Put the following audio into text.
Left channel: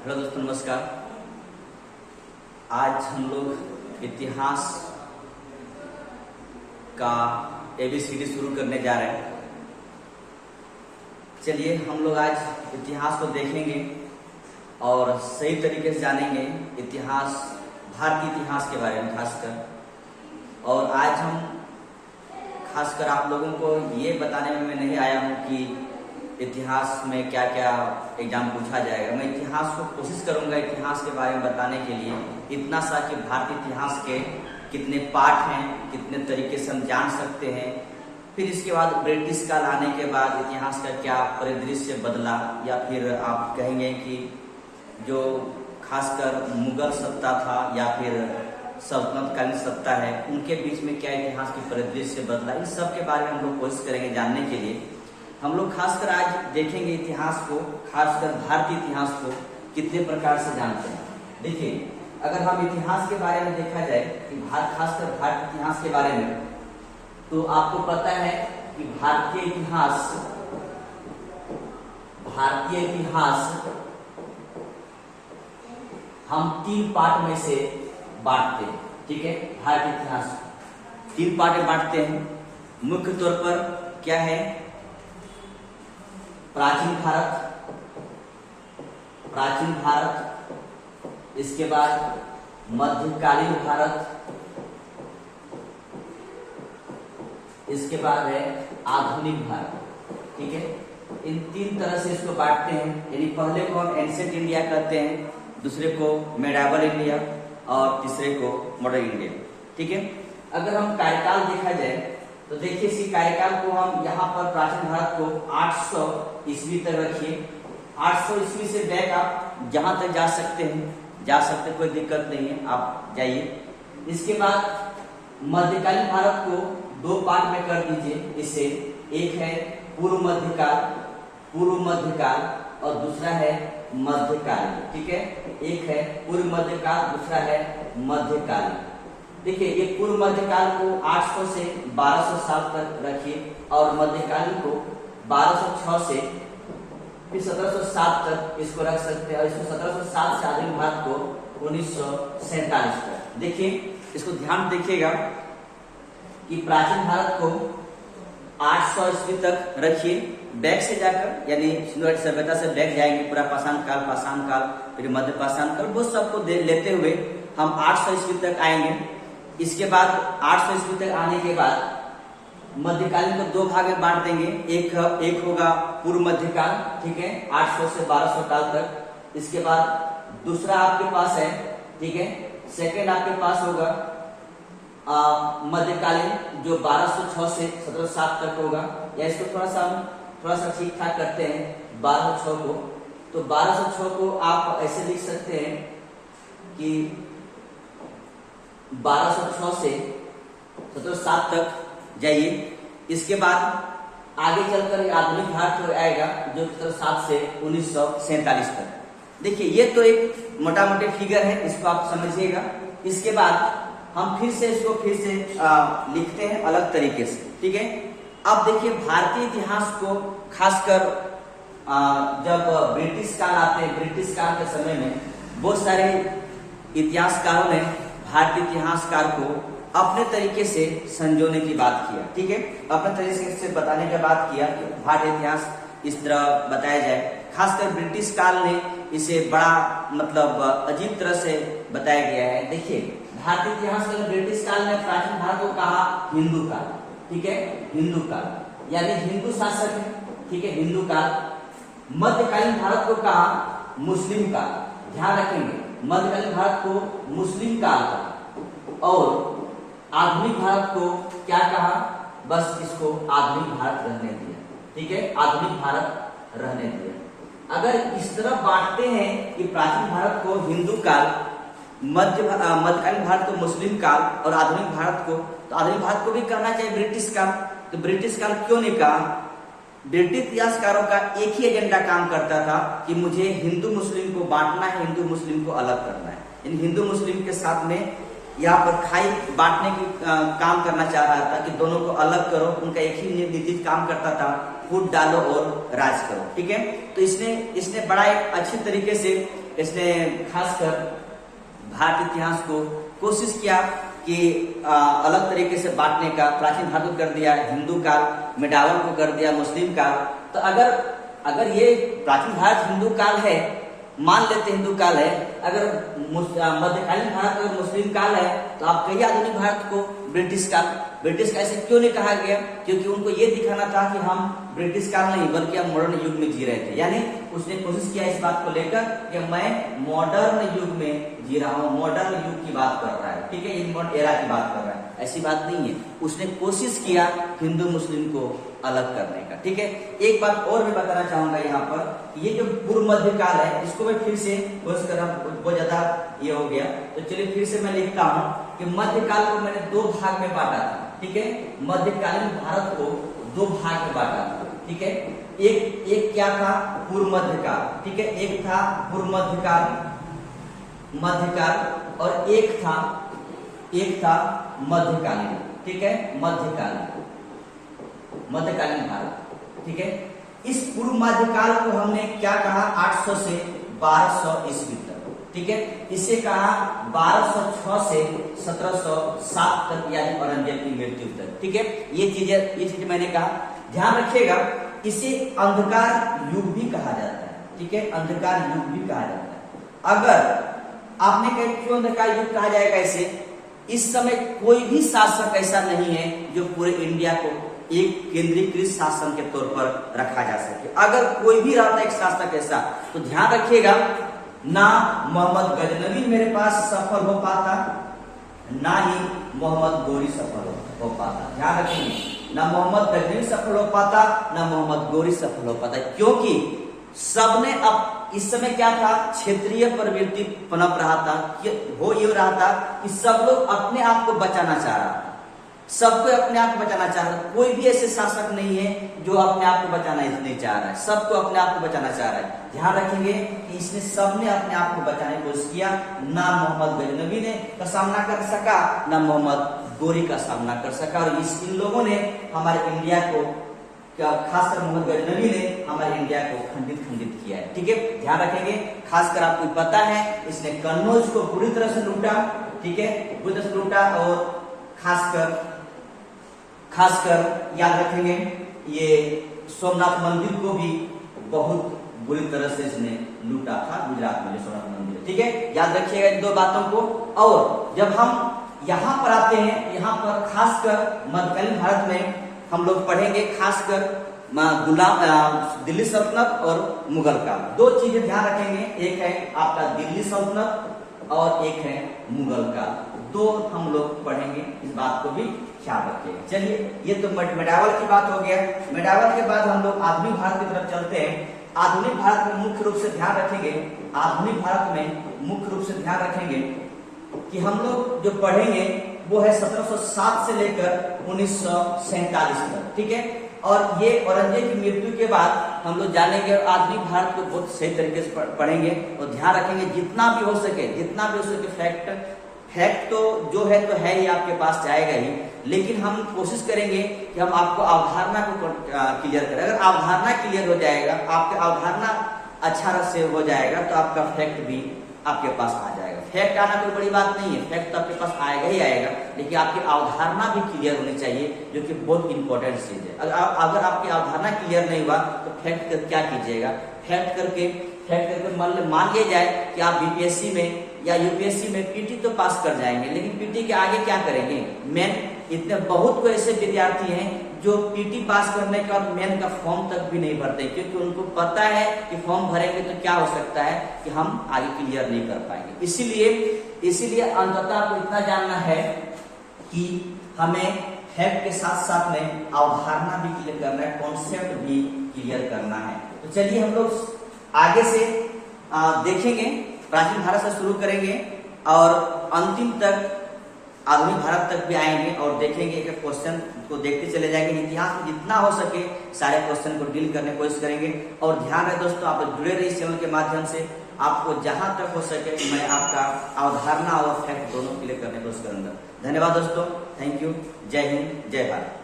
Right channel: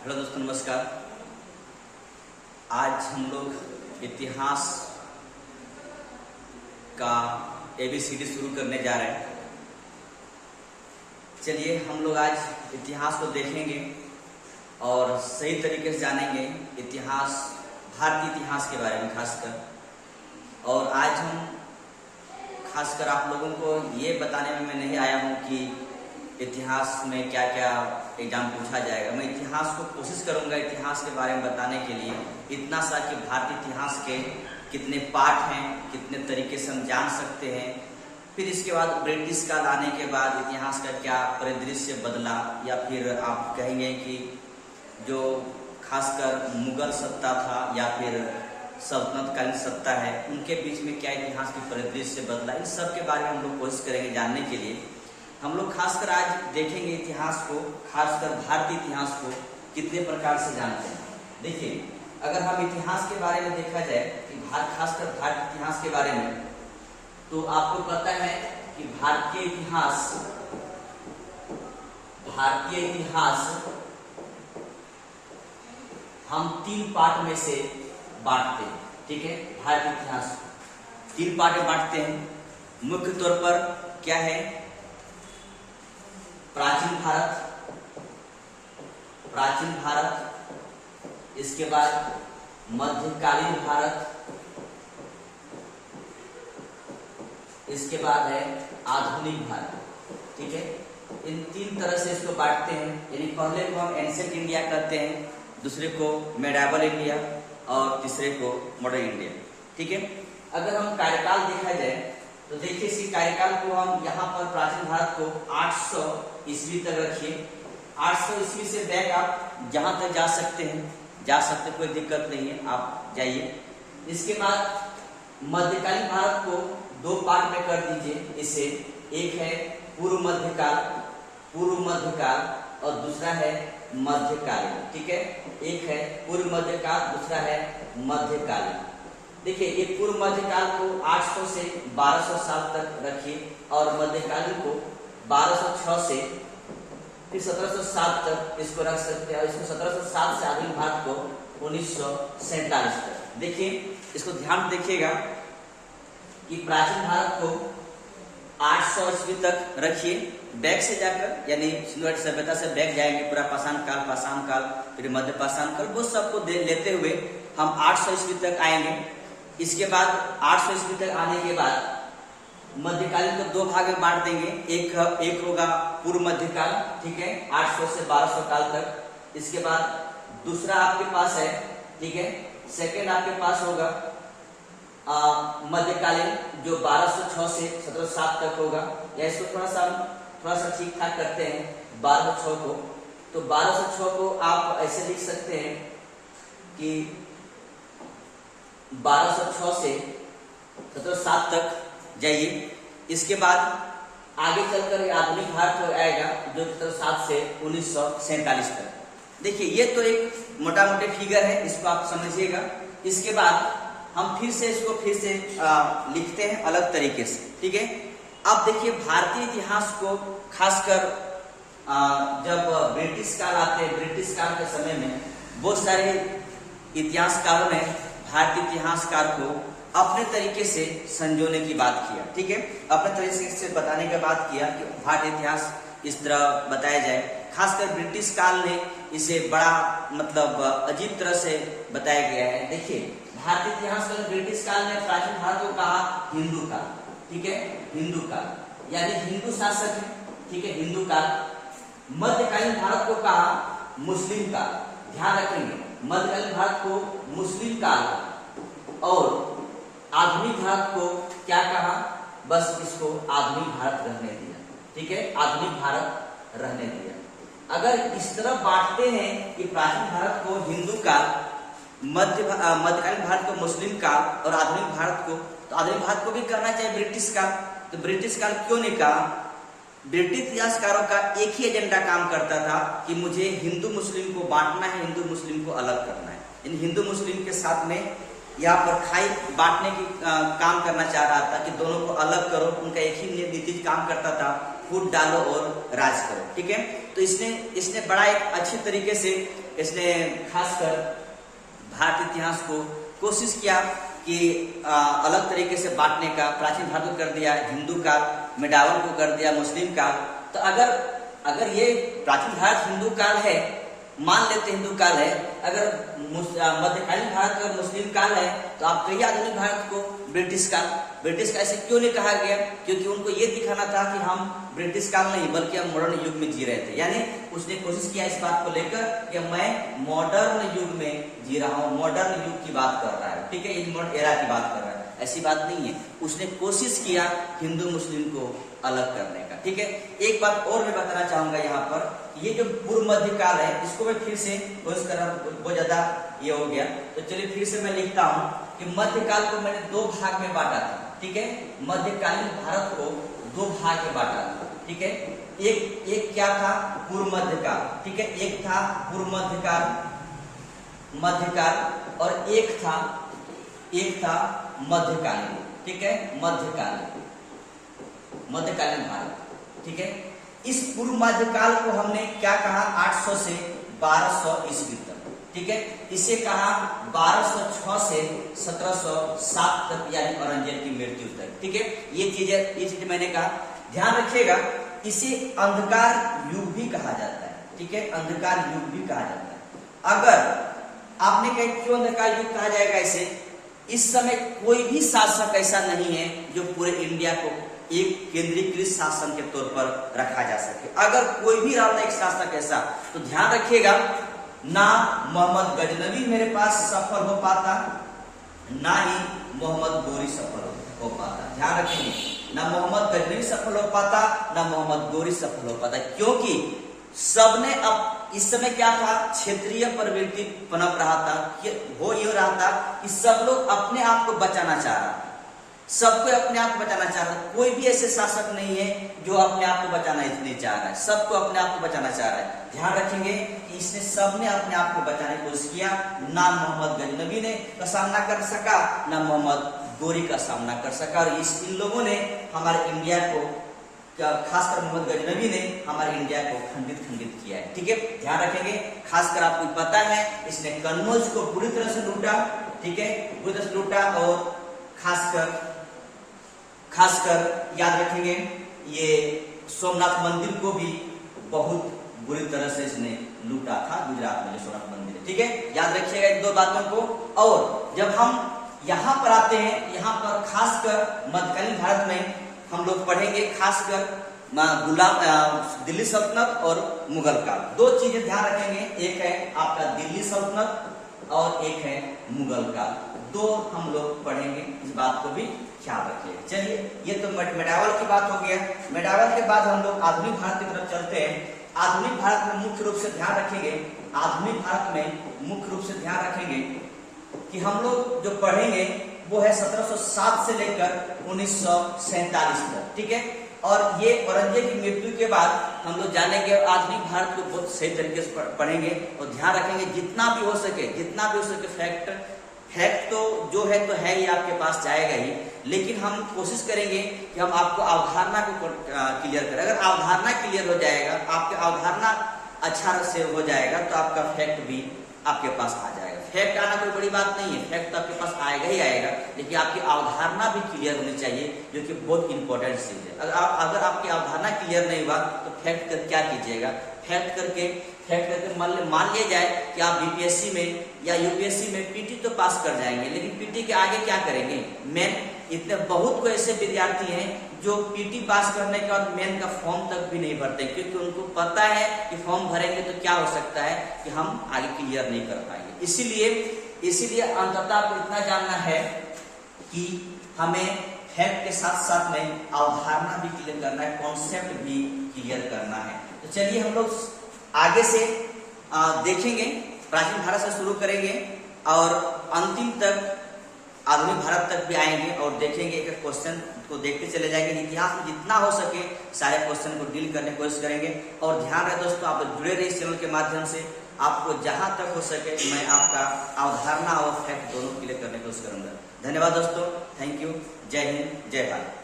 Hello दोस्तों, नमस्कार। आज हम लोग इतिहास का ABCD शुरू करने जा रहे हैं। चलिए हम लोग आज इतिहास को देखेंगे और सही तरीके से जानेंगे इतिहास, भारतीय इतिहास के बारे में खासकर। और आज हम खासकर आप लोगों को ये बताने में मैं नहीं आया हूँ कि इतिहास में क्या क्या एग्जाम पूछा जाएगा। मैं इतिहास को कोशिश करूंगा इतिहास के बारे में बताने के लिए इतना सा कि भारतीय इतिहास के कितने पार्ट हैं, कितने तरीके से हम जान सकते हैं। फिर इसके बाद ब्रिटिश काल आने के बाद इतिहास का क्या परिदृश्य बदला, या फिर आप कहेंगे कि जो खासकर मुगल सत्ता था या फिर सल्तनतकालीन सत्ता है, उनके बीच में क्या इतिहास की परिदृश्य बदला, इन सब के बारे में हम लोग कोशिश करेंगे जानने के लिए। हम लोग खासकर आज देखेंगे इतिहास को, खासकर भारतीय इतिहास को कितने प्रकार से जानते हैं। देखिए, अगर हम इतिहास के बारे में देखा जाए कि खासकर भारतीय इतिहास के बारे में, तो आपको पता है कि भारतीय इतिहास हम 3 पार्ट में से बांटते हैं। ठीक है, भारतीय इतिहास 3 पार्ट में बांटते हैं। मुख्य तौर पर क्या है? प्राचीन भारत, इसके बाद मध्यकालीन भारत, इसके बाद है आधुनिक भारत। ठीक है, इन 3 तरह से इसको बांटते हैं। यानी पहले को हम एंशिएंट इंडिया कहते हैं, दूसरे को मेडाइवल इंडिया और तीसरे को मॉडर्न इंडिया। ठीक है, अगर हम कार्यकाल देखा जाए तो देखिए, इसी कार्यकाल को हम यहाँ पर प्राचीन भारत को 800 ईस्वी तक रखिए। 800 ईस्वी से बैक आप जहां तक जा सकते हैं, कोई दिक्कत नहीं है, आप जाइए। इसके बाद मध्यकालीन भारत को 2 पार्ट में कर दीजिए। इसे एक है पूर्व मध्यकाल और दूसरा है मध्यकालीन। ठीक है, एक है पूर्व मध्यकाल, दूसरा है मध्यकालीन। देखिए, ये पूर्व मध्यकाल को 800 से 1200 साल तक रखिए और मध्यकालीन को 1206 से फिर 1707 तक इसको रख सकते हैं, और इसको 1707 से आधुनिक भारत को 1947 तक। देखिए, इसको ध्यान देखिएगा कि प्राचीन भारत को 800 ईस्वी तक रखिए, बैक से जाकर, यानी सिंधु सभ्यता से बैक जाएंगे, पूरा पाषाण काल, फिर मध्य पाषाण काल, वो सबको लेते हुए हम 800 ईस्वी तक आएंगे। इसके बाद 800 ईस्वी तक आने के बाद मध्यकालीन को 2 भाग में बांट देंगे। एक होगा पूर्व मध्यकाल, ठीक है, 800 से 1200 काल तक। इसके बाद दूसरा आपके पास है, ठीक है, सेकेंड आपके पास होगा मध्यकालीन, जो 1206 से 1707 तक होगा। या इसको थोड़ा सा ठीक ठाक करते हैं 1206 को। तो 1206 को आप ऐसे लिख सकते हैं कि 1206 से 1707 तक जाइए। इसके बाद आगे चलकर आधुनिक भारत आएगा, जो 1707 से 1947 तक। देखिए, ये तो एक मोटा मोटी फिगर है, इसको आप समझिएगा। इसके बाद हम फिर से लिखते हैं अलग तरीके से। ठीक है, अब देखिए, भारतीय इतिहास को खासकर जब ब्रिटिश काल आते हैं, ब्रिटिश काल के समय में बहुत सारे इतिहासकारों ने भारतीय इतिहासकार को अपने तरीके से संजोने की बात किया। ठीक है, अपने तरीके से बताने की बात किया कि भारतीय इतिहास इस तरह बताया जाए। खासकर ब्रिटिश काल ने इसे बड़ा अजीब तरह से बताया गया है। देखिए, भारतीय इतिहास में ब्रिटिश काल ने प्राचीन भारत को कहा हिंदू काल। ठीक है, हिंदू काल यानी हिंदू शासक है। ठीक है, हिंदू काल। मध्यकालीन भारत को कहा मुस्लिम काल। ध्यान रखेंगे, मध्यकालीन भारत को मुस्लिम काल कहा, और आधुनिक भारत को क्या कहा? बस इसको आधुनिक भारत रहने दिया। ठीक है, आधुनिक भारत रहने दिया। अगर इस तरह बांटते हैं कि प्राचीन भारत को हिंदू काल, मध्यकालीन भारत को मुस्लिम काल और आधुनिक भारत को, तो आधुनिक भारत को भी कहना चाहिए ब्रिटिश काल। तो ब्रिटिश काल क्यों नहीं कहा? ब्रिटिश इतिहासकारों का एक ही एजेंडा काम करता था कि मुझे हिंदू मुस्लिम को बांटना है, हिंदू मुस्लिम को अलग करना है। इन हिंदू मुस्लिम के साथ में यहाँ पर खाई बांटने की काम करना चाह रहा था कि दोनों को अलग करो। उनका एक ही नीति काम करता था फूट डालो और राज करो। ठीक है, तो इसने बड़ा एक अच्छी तरीके से इसने खासकर भारतीय इतिहास को कोशिश किया कि अलग तरीके से बांटने का। प्राचीन भारत को कर दिया हिंदू काल, मेडावल को कर दिया मुस्लिम काल। तो अगर ये प्राचीन भारत हिंदू काल है, मान लेते हिंदू काल है, अगर मध्यकालीन भारत और मुस्लिम काल है, तो आप कहिए आधुनिक भारत को ब्रिटिश काल। ब्रिटिश काल ऐसे क्यों नहीं कहा गया? क्योंकि उनको ये दिखाना था कि हम ब्रिटिश काल नहीं बल्कि हम मॉडर्न युग में जी रहे थे। यानी उसने कोशिश किया इस बात को लेकर कि मैं मॉडर्न युग में जी रहा हूँ, मॉडर्न युग की बात कर रहा है। ठीक है, इन मॉडर्न एरा की बात कर रहा है, ऐसी बात नहीं है। उसने कोशिश किया हिंदू मुस्लिम को अलग करने का। ठीक है, एक बात और मैं बताना चाहूंगा यहाँ पर, ये जो पूर्व मध्य काल है, इसको मैं फिर से कोशिश कर रहा हूँ, बहुत ज्यादा ये हो गया, तो चलिए फिर से मैं लिखता हूँ कि मध्यकाल को मैंने दो भाग में बांटा था। ठीक है, मध्यकालीन भारत को दो भाग में बांटा था। ठीक है, एक क्या था? पूर्व मध्यकाल। ठीक है, एक था पूर्व मध्यकाल और एक था मध्यकालीन। ठीक है, मध्यकालीन भारत। ठीक है, इस पूर्व मध्यकाल को हमने क्या कहा? 800 से 1200 ईस्वी तक। ठीक है, इसे कहा 1206 से 1707 तक, यानी औरंगजेब की मृत्यु तक। ठीक है, ये चीजें मैंने कहा, ध्यान रखिएगा। इसे अंधकार युग भी कहा जाता है। ठीक है, अंधकार युग भी कहा जाता है। अगर आपने कहा क्यों अंधकार युग कहा जाएगा इसे? इस समय कोई भी शासक ऐसा नहीं है जो पूरे इंडिया को एक केंद्रीकृत शासन के तौर पर रखा जा सके। अगर कोई भी रहता एक शासक ऐसा, तो ध्यान रखिएगा, ना मोहम्मद गजनवी मेरे पास सफल हो पाता, ना ही मोहम्मद गोरी सफल हो पाता। ध्यान रखेंगे, ना मोहम्मद गजनवी सफल हो पाता, ना मोहम्मद गोरी सफल हो पाता, क्योंकि सबने अब इस समय क्या था? क्षेत्रीय प्रवृत्ति पनप रहा था। हो ये रहा था कि सब लोग अपने आप को बचाना चाह रहा था, सबको अपने आप को बचाना चाह रहा है। कोई भी ऐसे शासक नहीं है जो अपने आप को बचाना नहीं चाह रहा है, सबको अपने आप को बचाना चाह रहा है। ध्यान रखेंगे कि इसने सबने अपने आप को बचाने की कोशिश किया। ना मोहम्मद गजनवी ने का सामना कर सका, ना मोहम्मद गोरी का सामना कर सका। और इन लोगों ने हमारे इंडिया को, खासकर मोहम्मद गजनवी ने हमारे इंडिया को खंडित किया है। ठीक है, ध्यान रखेंगे। खासकर आपको पता है इसने कन्नौज को पूरी तरह से लूटा। ठीक है, पूरी तरह से लूटा। और खासकर याद रखेंगे ये सोमनाथ मंदिर को भी बहुत बुरी तरह से इसने लूटा था, गुजरात में जो सोमनाथ मंदिर है। ठीक है, याद रखिएगा इन दो बातों को। और जब हम यहाँ पर आते हैं, यहाँ पर खासकर मध्यकालीन भारत में हम लोग पढ़ेंगे खासकर दिल्ली सल्तनत और मुगल काल। दो चीजें ध्यान रखेंगे, एक है आपका दिल्ली सल्तनत और एक है मुगल काल। दो हम लोग पढ़ेंगे, इस बात को भी ख्याल रखिएगा। चलिए, ये तो मेडावल की बात हो गया। मेडावल के बाद हम लोग आधुनिक भारत की तरफ चलते हैं। आधुनिक भारत में मुख्य रूप से ध्यान रखेंगे, आधुनिक भारत में मुख्य रूप से ध्यान रखेंगे कि हम लोग जो पढ़ेंगे वो है 1707 से लेकर 1947 तक। ठीक है, और ये औरंगजेब की मृत्यु के बाद हम लोग जानेंगे आधुनिक भारत को बहुत सही तरीके से पढ़ेंगे। और ध्यान रखेंगे जितना भी हो सके फैक्ट तो जो है तो है ही, आपके पास जाएगा ही, लेकिन हम कोशिश करेंगे कि हम आपको अवधारणा को क्लियर करें। अगर अवधारणा क्लियर हो जाएगा, आपके अवधारणा अच्छा से हो जाएगा, तो आपका फैक्ट भी आपके पास आ जाएगा। फैक्ट आना कोई बड़ी बात नहीं है, फैक्ट तो आपके पास आएगा ही आएगा, लेकिन आपकी अवधारणा भी क्लियर होनी चाहिए, जो कि बहुत इंपॉर्टेंट चीज है। अगर आपकी अवधारणा क्लियर नहीं हुआ तो फैक्ट कर क्या कीजिएगा? फैक्ट करके मान लिया जाए कि आप बीपीएससी में या यूपीएससी में पीटी तो पास कर जाएंगे, लेकिन पीटी के आगे क्या करेंगे? मेन। इतने बहुत को ऐसे विद्यार्थी हैं जो पीटी पास करने के बाद मेन का फॉर्म तक भी नहीं भरते, क्योंकि उनको पता है कि फॉर्म भरेंगे तो क्या हो सकता है कि हम आगे क्लियर नहीं कर पाएंगे। इसीलिए अंततः आपको इतना जानना है कि हमें फैक्ट के साथ साथ में अवधारणा भी क्लियर करना है, कॉन्सेप्ट भी क्लियर करना है। तो चलिए हम लोग आगे से देखेंगे, प्राचीन भारत से शुरू करेंगे और अंतिम तक आधुनिक भारत तक भी आएंगे और देखेंगे, एक क्वेश्चन को देखते चले जाएंगे। इतिहास में जितना हो सके सारे क्वेश्चन को डील करने की कोशिश करेंगे। और ध्यान रहे दोस्तों, आप जुड़े रहे इस चैनल के माध्यम से। आपको जहां तक हो सके मैं आपका अवधारणा और फैक्ट दोनों क्लियर करने की कोशिश करूंगा। धन्यवाद दोस्तों, थैंक यू। जय हिंद, जय भारत।